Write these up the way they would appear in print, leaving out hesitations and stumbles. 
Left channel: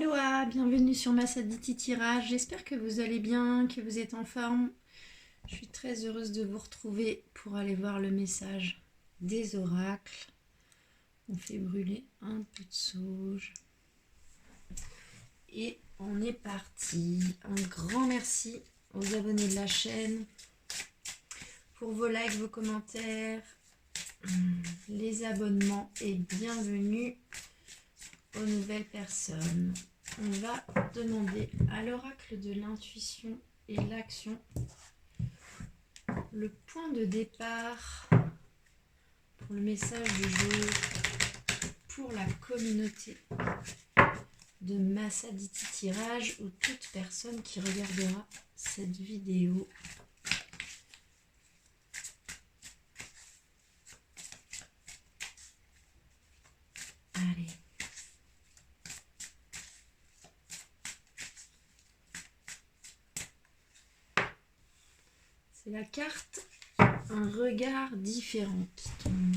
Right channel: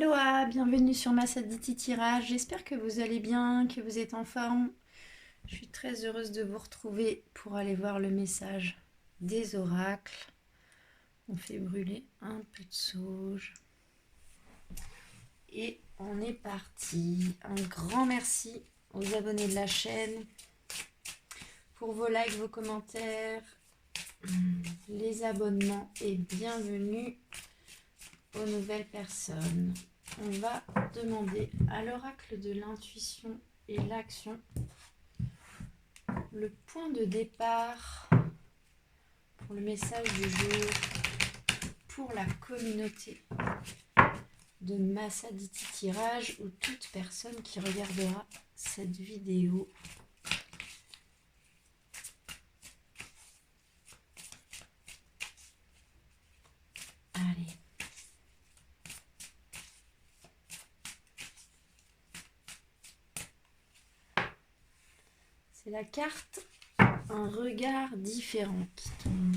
Aloha, bienvenue sur Massaditi Tirage. J'espère que vous allez bien, que vous êtes en forme. Je suis très heureuse de vous retrouver pour aller voir le message des oracles. On fait brûler un peu de sauge. Et on est parti. Un grand merci aux abonnés de la chaîne pour vos likes, vos commentaires, les abonnements et bienvenue aux nouvelles personnes. On va demander à l'oracle de l'intuition et l'action le point de départ pour le message du jour pour la communauté de Massaditi Tirage ou toute personne qui regardera cette vidéo. Allez. C'est la carte Un regard différent qui tombe.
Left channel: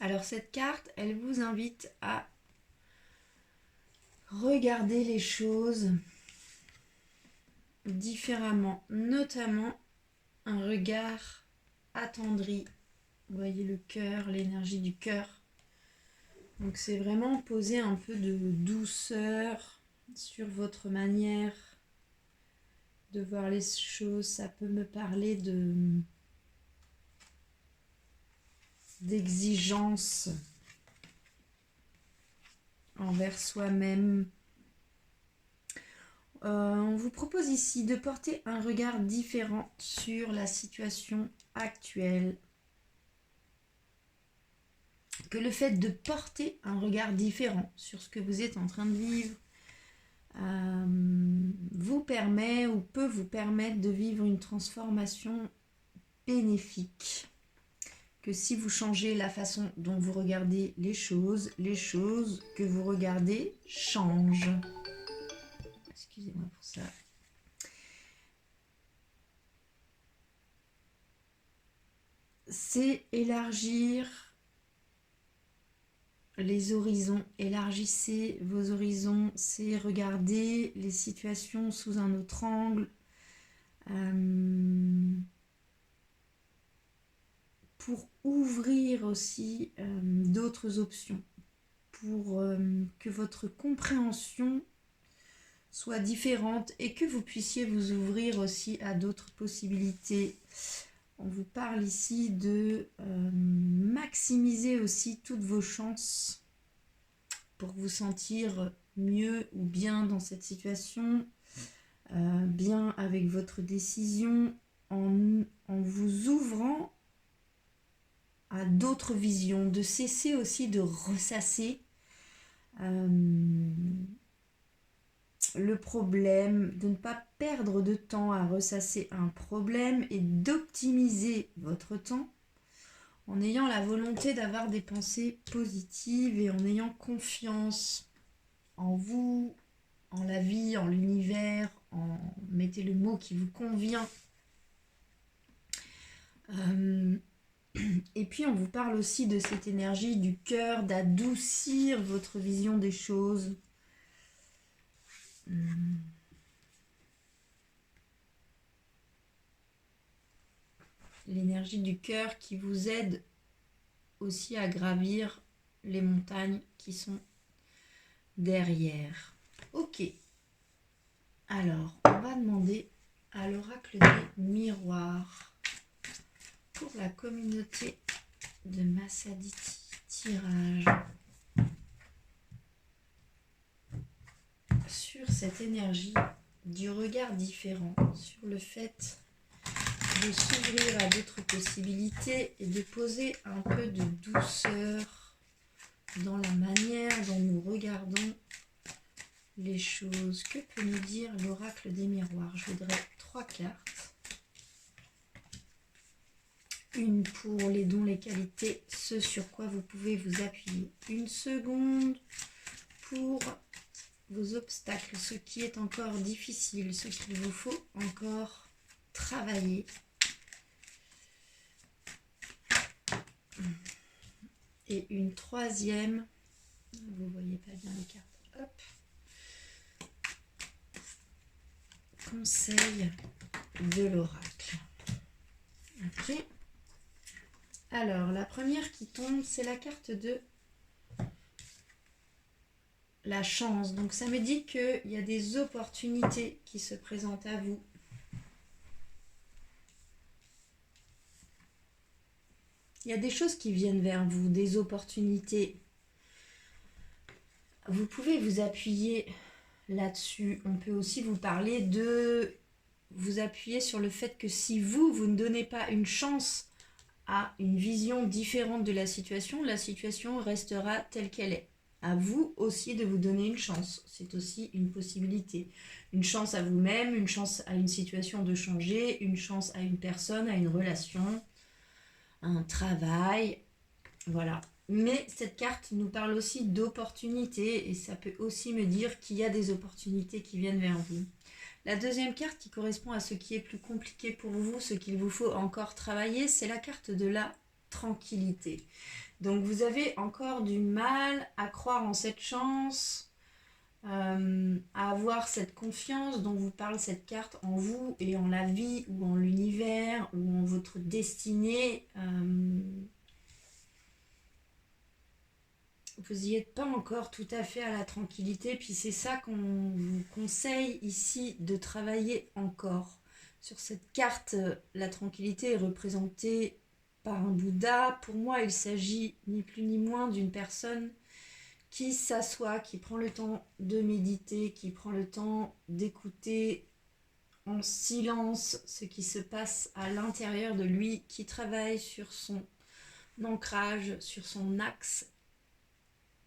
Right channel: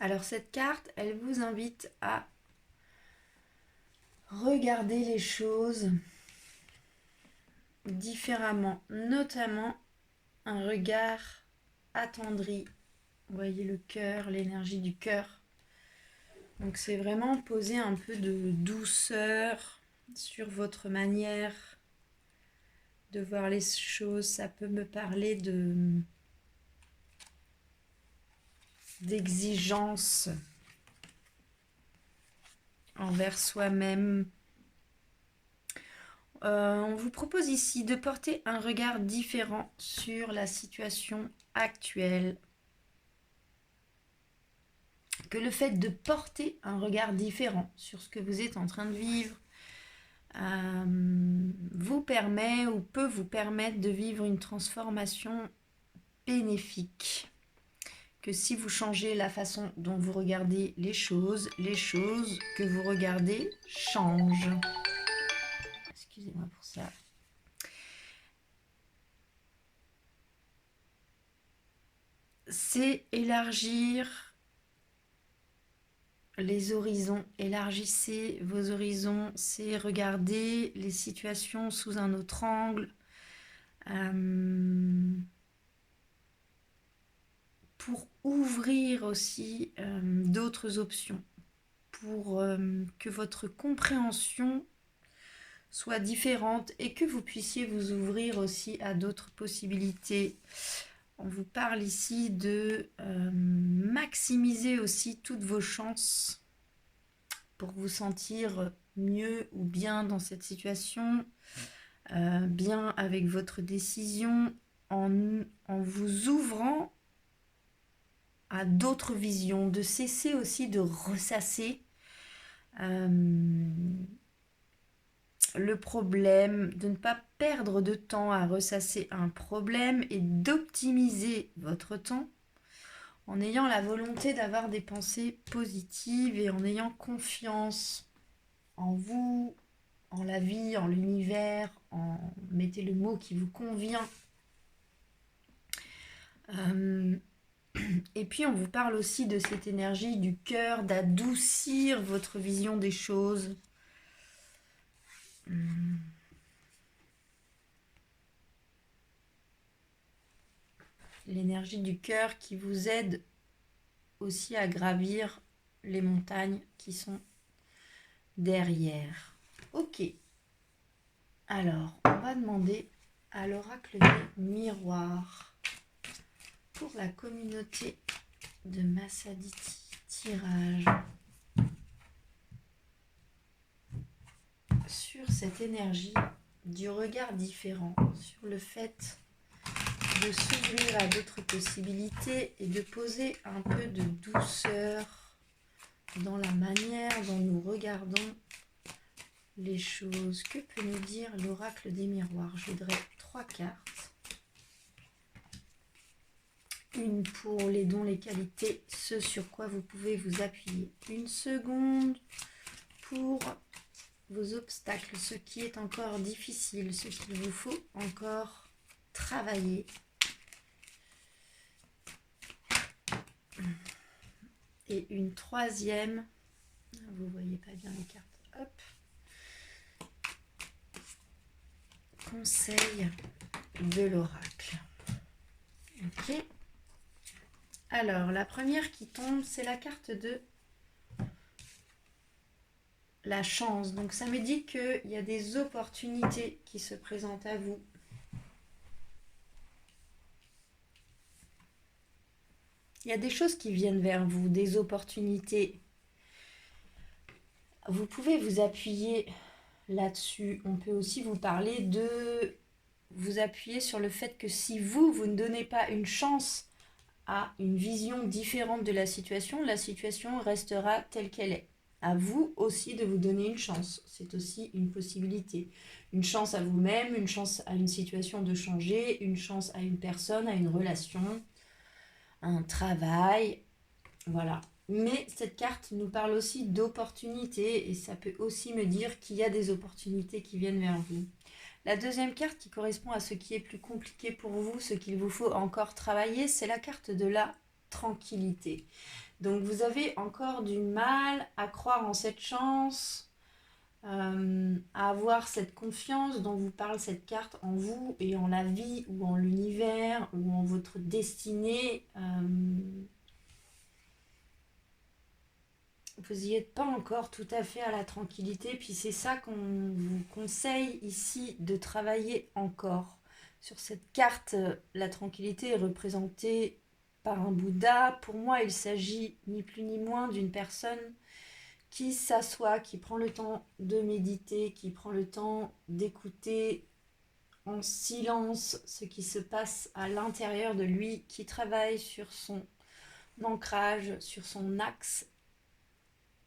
Alors cette carte, elle vous invite à regarder les choses différemment, notamment un regard attendri. Vous voyez le cœur, l'énergie du cœur. Donc c'est vraiment poser un peu de douceur sur votre manière de voir les choses. Ça peut me parler d'exigence envers soi-même. On vous propose ici de porter un regard différent sur la situation actuelle. Que le fait de porter un regard différent sur ce que vous êtes en train de vivre vous permet ou peut vous permettre de vivre une transformation bénéfique. Que si vous changez la façon dont vous regardez les choses que vous regardez changent. Excusez-moi pour ça. C'est élargir les horizons. Élargissez vos horizons. C'est regarder les situations sous un autre angle. Pour ouvrir aussi d'autres options. Pour que votre compréhension soit différente et que vous puissiez vous ouvrir aussi à d'autres possibilités. On vous parle ici de maximiser aussi toutes vos chances pour vous sentir mieux ou bien dans cette situation, bien avec votre décision, en vous ouvrant à d'autres visions, de cesser aussi de ressasser le problème, de ne pas perdre de temps à ressasser un problème et d'optimiser votre temps en ayant la volonté d'avoir des pensées positives et en ayant confiance en vous, en la vie, en l'univers, mettez le mot qui vous convient. Et puis on vous parle aussi de cette énergie du cœur, d'adoucir votre vision des choses. L'énergie du cœur qui vous aide aussi à gravir les montagnes qui sont derrière. Ok. Alors, on va demander à l'oracle des miroirs pour la communauté de Massaditi Tirage sur cette énergie du regard différent, sur le fait de s'ouvrir à d'autres possibilités et de poser un peu de douceur dans la manière dont nous regardons les choses. Que peut nous dire l'oracle des miroirs? Je voudrais 3 cartes. Une pour les dons, les qualités, ce sur quoi vous pouvez vous appuyer. Une seconde pour vos obstacles, ce qui est encore difficile, ce qu'il vous faut encore travailler. et une troisième. Vous ne voyez pas bien les cartes. Hop. Conseil de l'oracle. Ok. Alors, la première qui tombe, c'est la carte de la chance. Donc, ça me dit qu'il y a des opportunités qui se présentent à vous. Il y a des choses qui viennent vers vous, des opportunités. Vous pouvez vous appuyer là-dessus. On peut aussi vous parler de vous appuyer sur le fait que si vous ne donnez pas une chance à une vision différente de la situation restera telle qu'elle est. À vous aussi de vous donner une chance. C'est aussi une possibilité. Une chance à vous-même, une chance à une situation de changer, une chance à une personne, à une relation, à un travail. Voilà. Mais cette carte nous parle aussi d'opportunités et ça peut aussi me dire qu'il y a des opportunités qui viennent vers vous. La deuxième carte qui correspond à ce qui est plus compliqué pour vous, ce qu'il vous faut encore travailler, c'est la carte de la tranquillité. Donc vous avez encore du mal à croire en cette chance, à avoir cette confiance dont vous parle cette carte en vous et en la vie ou en l'univers ou en votre destinée. Vous n'y êtes pas encore tout à fait à la tranquillité, puis c'est ça qu'on vous conseille ici de travailler encore. Sur cette carte, la tranquillité est représentée par un Bouddha. Pour moi, il s'agit ni plus ni moins d'une personne qui s'assoit, qui prend le temps de méditer, qui prend le temps d'écouter en silence ce qui se passe à l'intérieur de lui, qui travaille sur son ancrage, sur son axe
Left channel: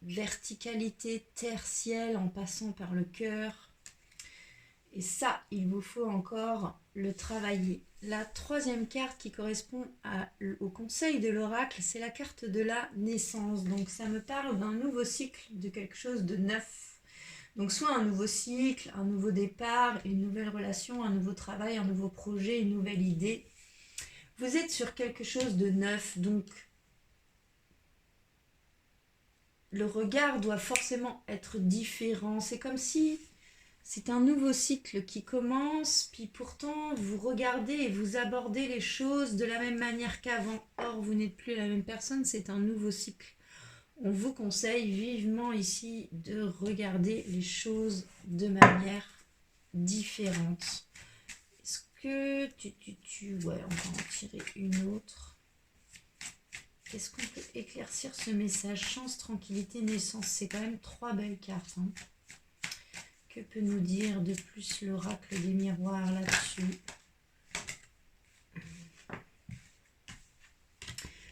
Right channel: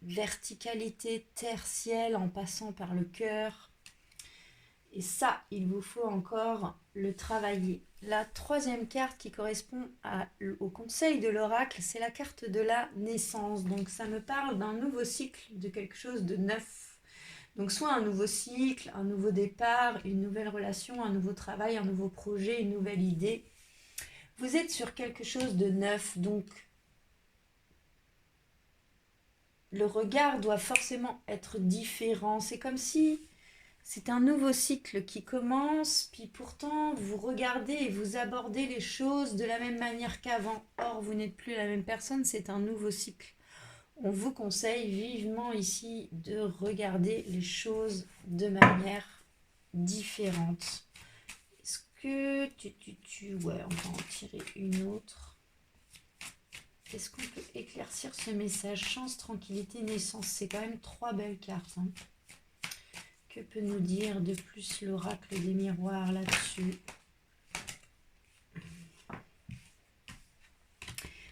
verticalité terre-ciel en passant par le cœur. Et ça, il vous faut encore le travailler. La troisième carte qui correspond au conseil de l'oracle, c'est la carte de la naissance. Donc ça me parle d'un nouveau cycle, de quelque chose de neuf. Donc soit un nouveau cycle, un nouveau départ, une nouvelle relation, un nouveau travail, un nouveau projet, une nouvelle idée. Vous êtes sur quelque chose de neuf, donc le regard doit forcément être différent. C'est comme si c'est un nouveau cycle qui commence, puis pourtant vous regardez et vous abordez les choses de la même manière qu'avant. Or, vous n'êtes plus la même personne, c'est un nouveau cycle. On vous conseille vivement ici de regarder les choses de manière différente. Est-ce que ouais, on va en tirer une autre. Est-ce qu'on peut éclaircir ce message? Chance, tranquillité, naissance. C'est quand même 3 belles cartes. Hein. Que peut nous dire de plus l'oracle des miroirs là-dessus?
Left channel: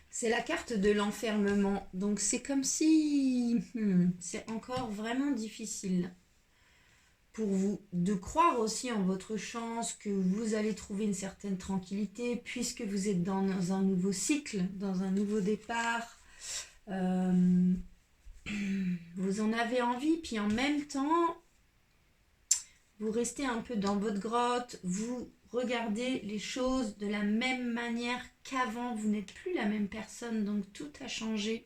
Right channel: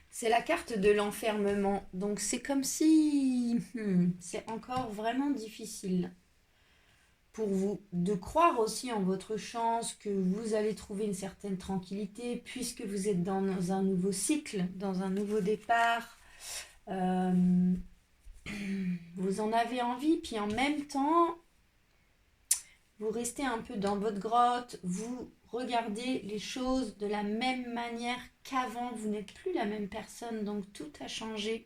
C'est la carte de l'enfermement. Donc c'est comme si c'est encore vraiment difficile pour vous de croire aussi en votre chance, que vous allez trouver une certaine tranquillité puisque vous êtes dans un nouveau cycle, dans un nouveau départ. Vous en avez envie, puis en même temps, vous restez un peu dans votre grotte, vous regardez les choses de la même manière qu'avant, vous n'êtes plus la même personne, donc tout a changé.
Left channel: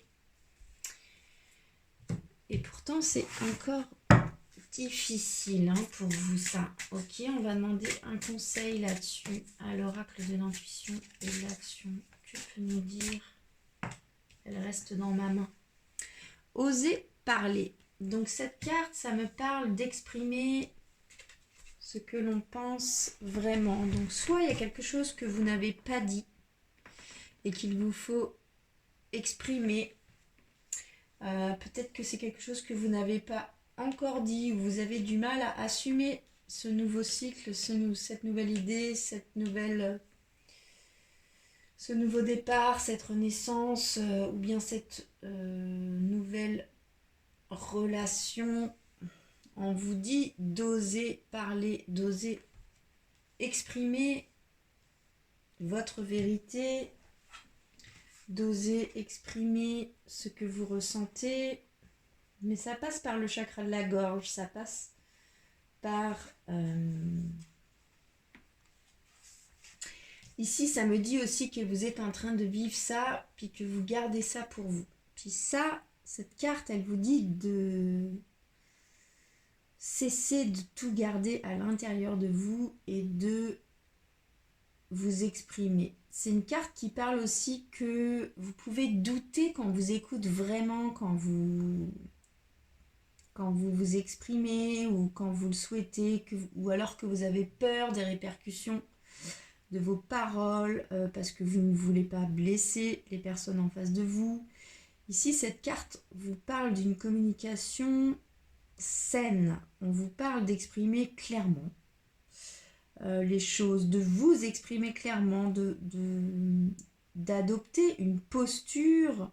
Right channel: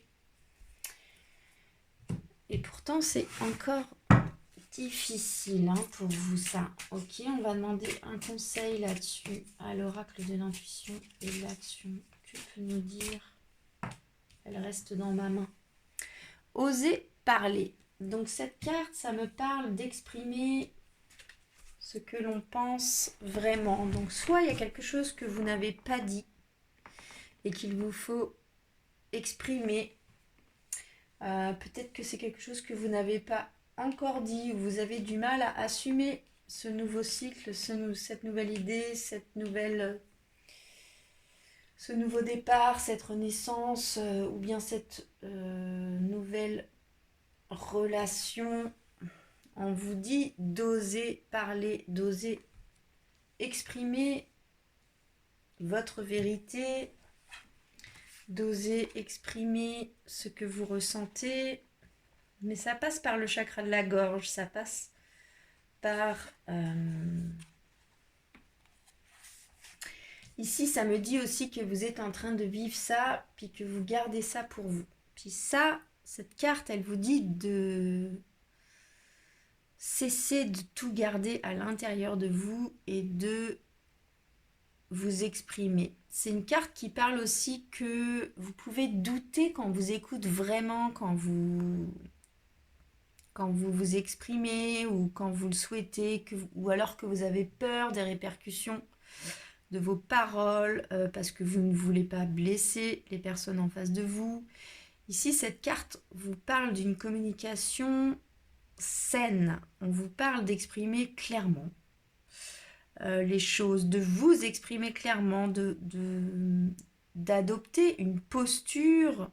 Et pourtant, c'est encore difficile pour vous ça. Ok, on va demander un conseil là-dessus à l'oracle de l'intuition et de l'action. Que peut nous dire? Elle reste dans ma main. Oser parler. Donc cette carte, ça me parle d'exprimer ce que l'on pense vraiment. Donc soit il y a quelque chose que vous n'avez pas dit et qu'il vous faut exprimer. Peut-être que c'est quelque chose que vous n'avez pas encore dit, ou vous avez du mal à assumer ce nouveau cycle, cette nouvelle idée, ce nouveau départ, cette renaissance, ou bien cette nouvelle relation. On vous dit d'oser parler, d'oser exprimer votre vérité, d'oser exprimer ce que vous ressentez. Mais ça passe par le chakra de la gorge, ça passe par... Ici, ça me dit aussi que vous êtes en train de vivre ça, puis que vous gardez ça pour vous. Puis ça, cette carte, elle vous dit de cesser de tout garder à l'intérieur de vous et de vous exprimer. C'est une carte qui parle aussi que vous pouvez douter quand vous écoute vraiment, quand vous vous exprimez ou quand vous le souhaitez, ou alors que vous avez peur des répercussions de vos paroles parce que vous ne voulez pas blesser les personnes en face de vous. Ici, cette carte vous parle d'une communication saine. On vous parle d'exprimer clairement les choses, de vous exprimer clairement, d'adopter une posture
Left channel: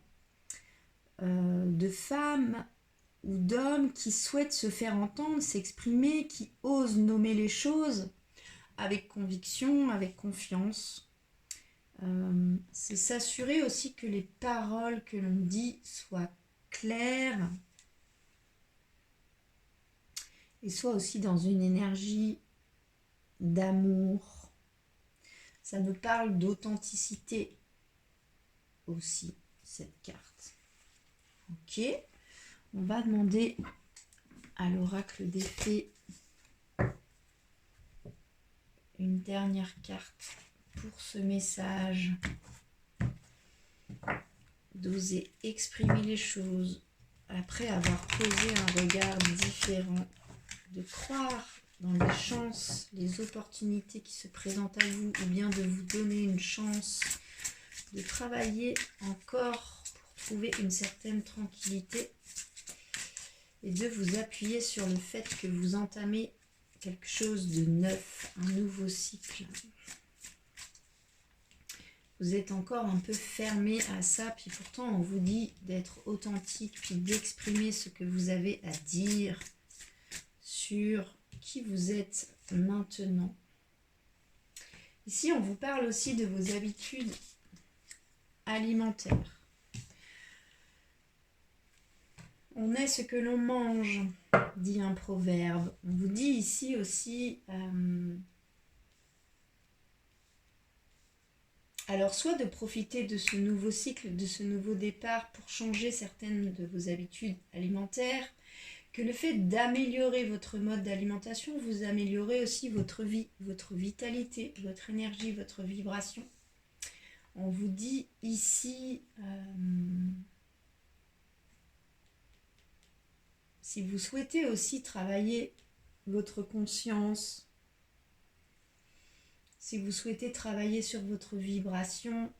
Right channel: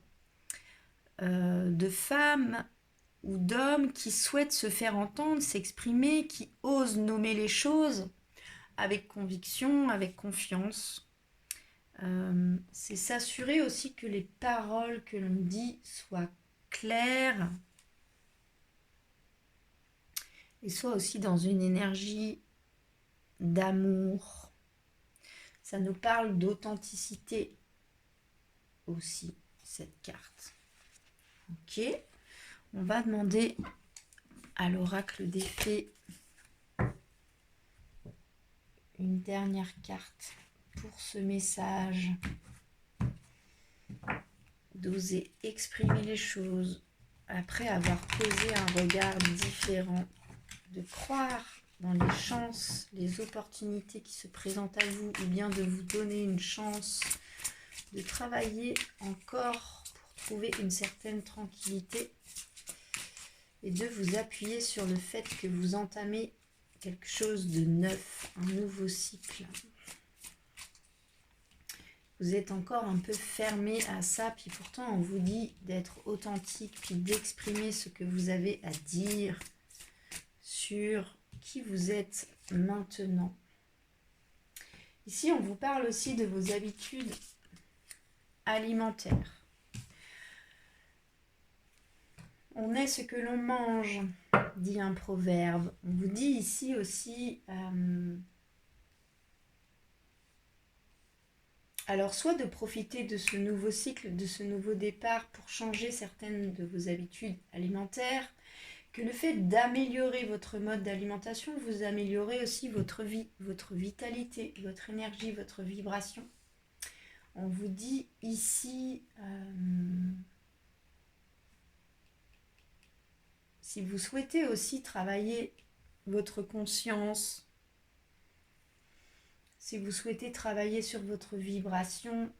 de femme ou d'homme qui souhaite se faire entendre, s'exprimer, qui ose nommer les choses avec conviction, avec confiance. C'est s'assurer aussi que les paroles que l'on dit soient claires et soient aussi dans une énergie d'amour. Ça nous parle d'authenticité aussi, cette carte. Ok, on va demander à l'oracle des fées une dernière carte pour ce message. D'oser exprimer les choses après avoir posé un regard différent, de croire dans les chances, les opportunités qui se présentent à vous, ou bien de vous donner une chance de travailler encore pour trouver une certaine tranquillité et de vous appuyer sur le fait que vous entamez quelque chose de neuf, un nouveau cycle. Vous êtes encore un peu fermé à ça, puis pourtant on vous dit d'être authentique, puis d'exprimer ce que vous avez à dire sur qui vous êtes maintenant. Ici, on vous parle aussi de vos habitudes alimentaires. On est ce que l'on mange, dit un proverbe. On vous dit ici aussi, alors soit de profiter de ce nouveau cycle, de ce nouveau départ pour changer certaines de vos habitudes alimentaires, que le fait d'améliorer votre mode d'alimentation, vous améliorez aussi votre vie, votre vitalité, votre énergie, votre vibration. On vous dit ici, si vous souhaitez aussi travailler votre conscience, si vous souhaitez travailler sur votre vibration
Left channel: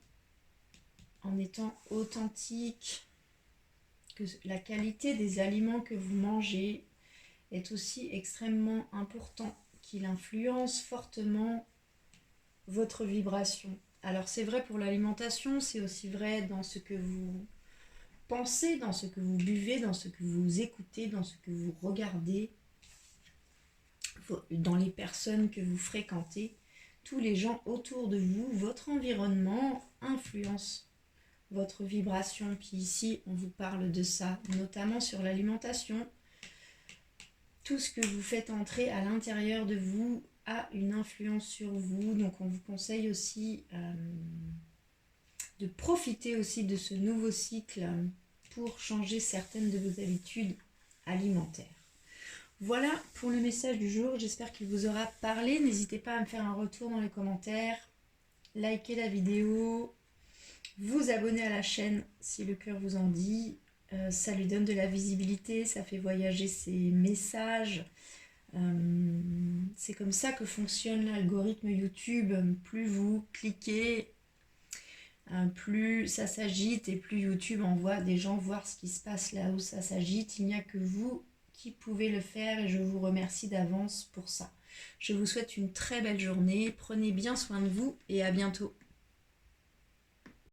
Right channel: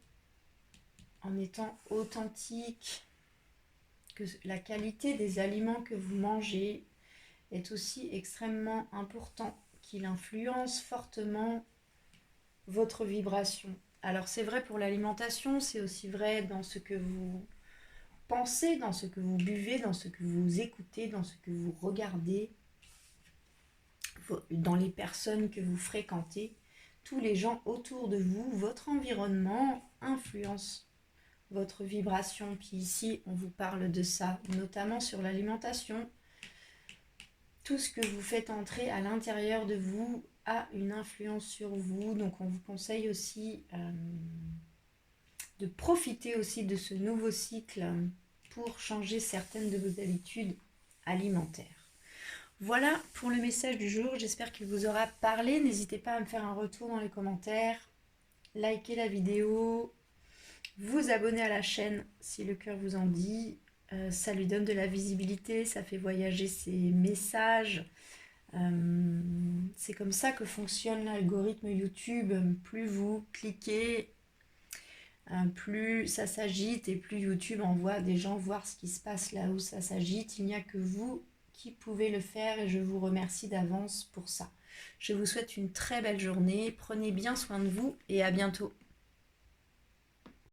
en étant authentique, que la qualité des aliments que vous mangez est aussi extrêmement important, qu'il influence fortement votre vibration. Alors c'est vrai pour l'alimentation, c'est aussi vrai dans ce que vous pensez, dans ce que vous buvez, dans ce que vous écoutez, dans ce que vous regardez, dans les personnes que vous fréquentez. Tous les gens autour de vous, votre environnement influence votre vibration. Puis ici, on vous parle de ça, notamment sur l'alimentation. Tout ce que vous faites entrer à l'intérieur de vous a une influence sur vous. Donc on vous conseille aussi de profiter aussi de ce nouveau cycle pour changer certaines de vos habitudes alimentaires. Voilà pour le message du jour. J'espère qu'il vous aura parlé. N'hésitez pas à me faire un retour dans les commentaires. Likez la vidéo. Vous abonner à la chaîne si le cœur vous en dit. Ça lui donne de la visibilité, ça fait voyager ses messages. C'est comme ça que fonctionne l'algorithme YouTube. Plus vous cliquez, plus ça s'agite et plus YouTube envoie des gens voir ce qui se passe là où ça s'agite. Il n'y a que vous qui pouvez le faire et je vous remercie d'avance pour ça. Je vous souhaite une très belle journée. Prenez bien soin de vous et à bientôt.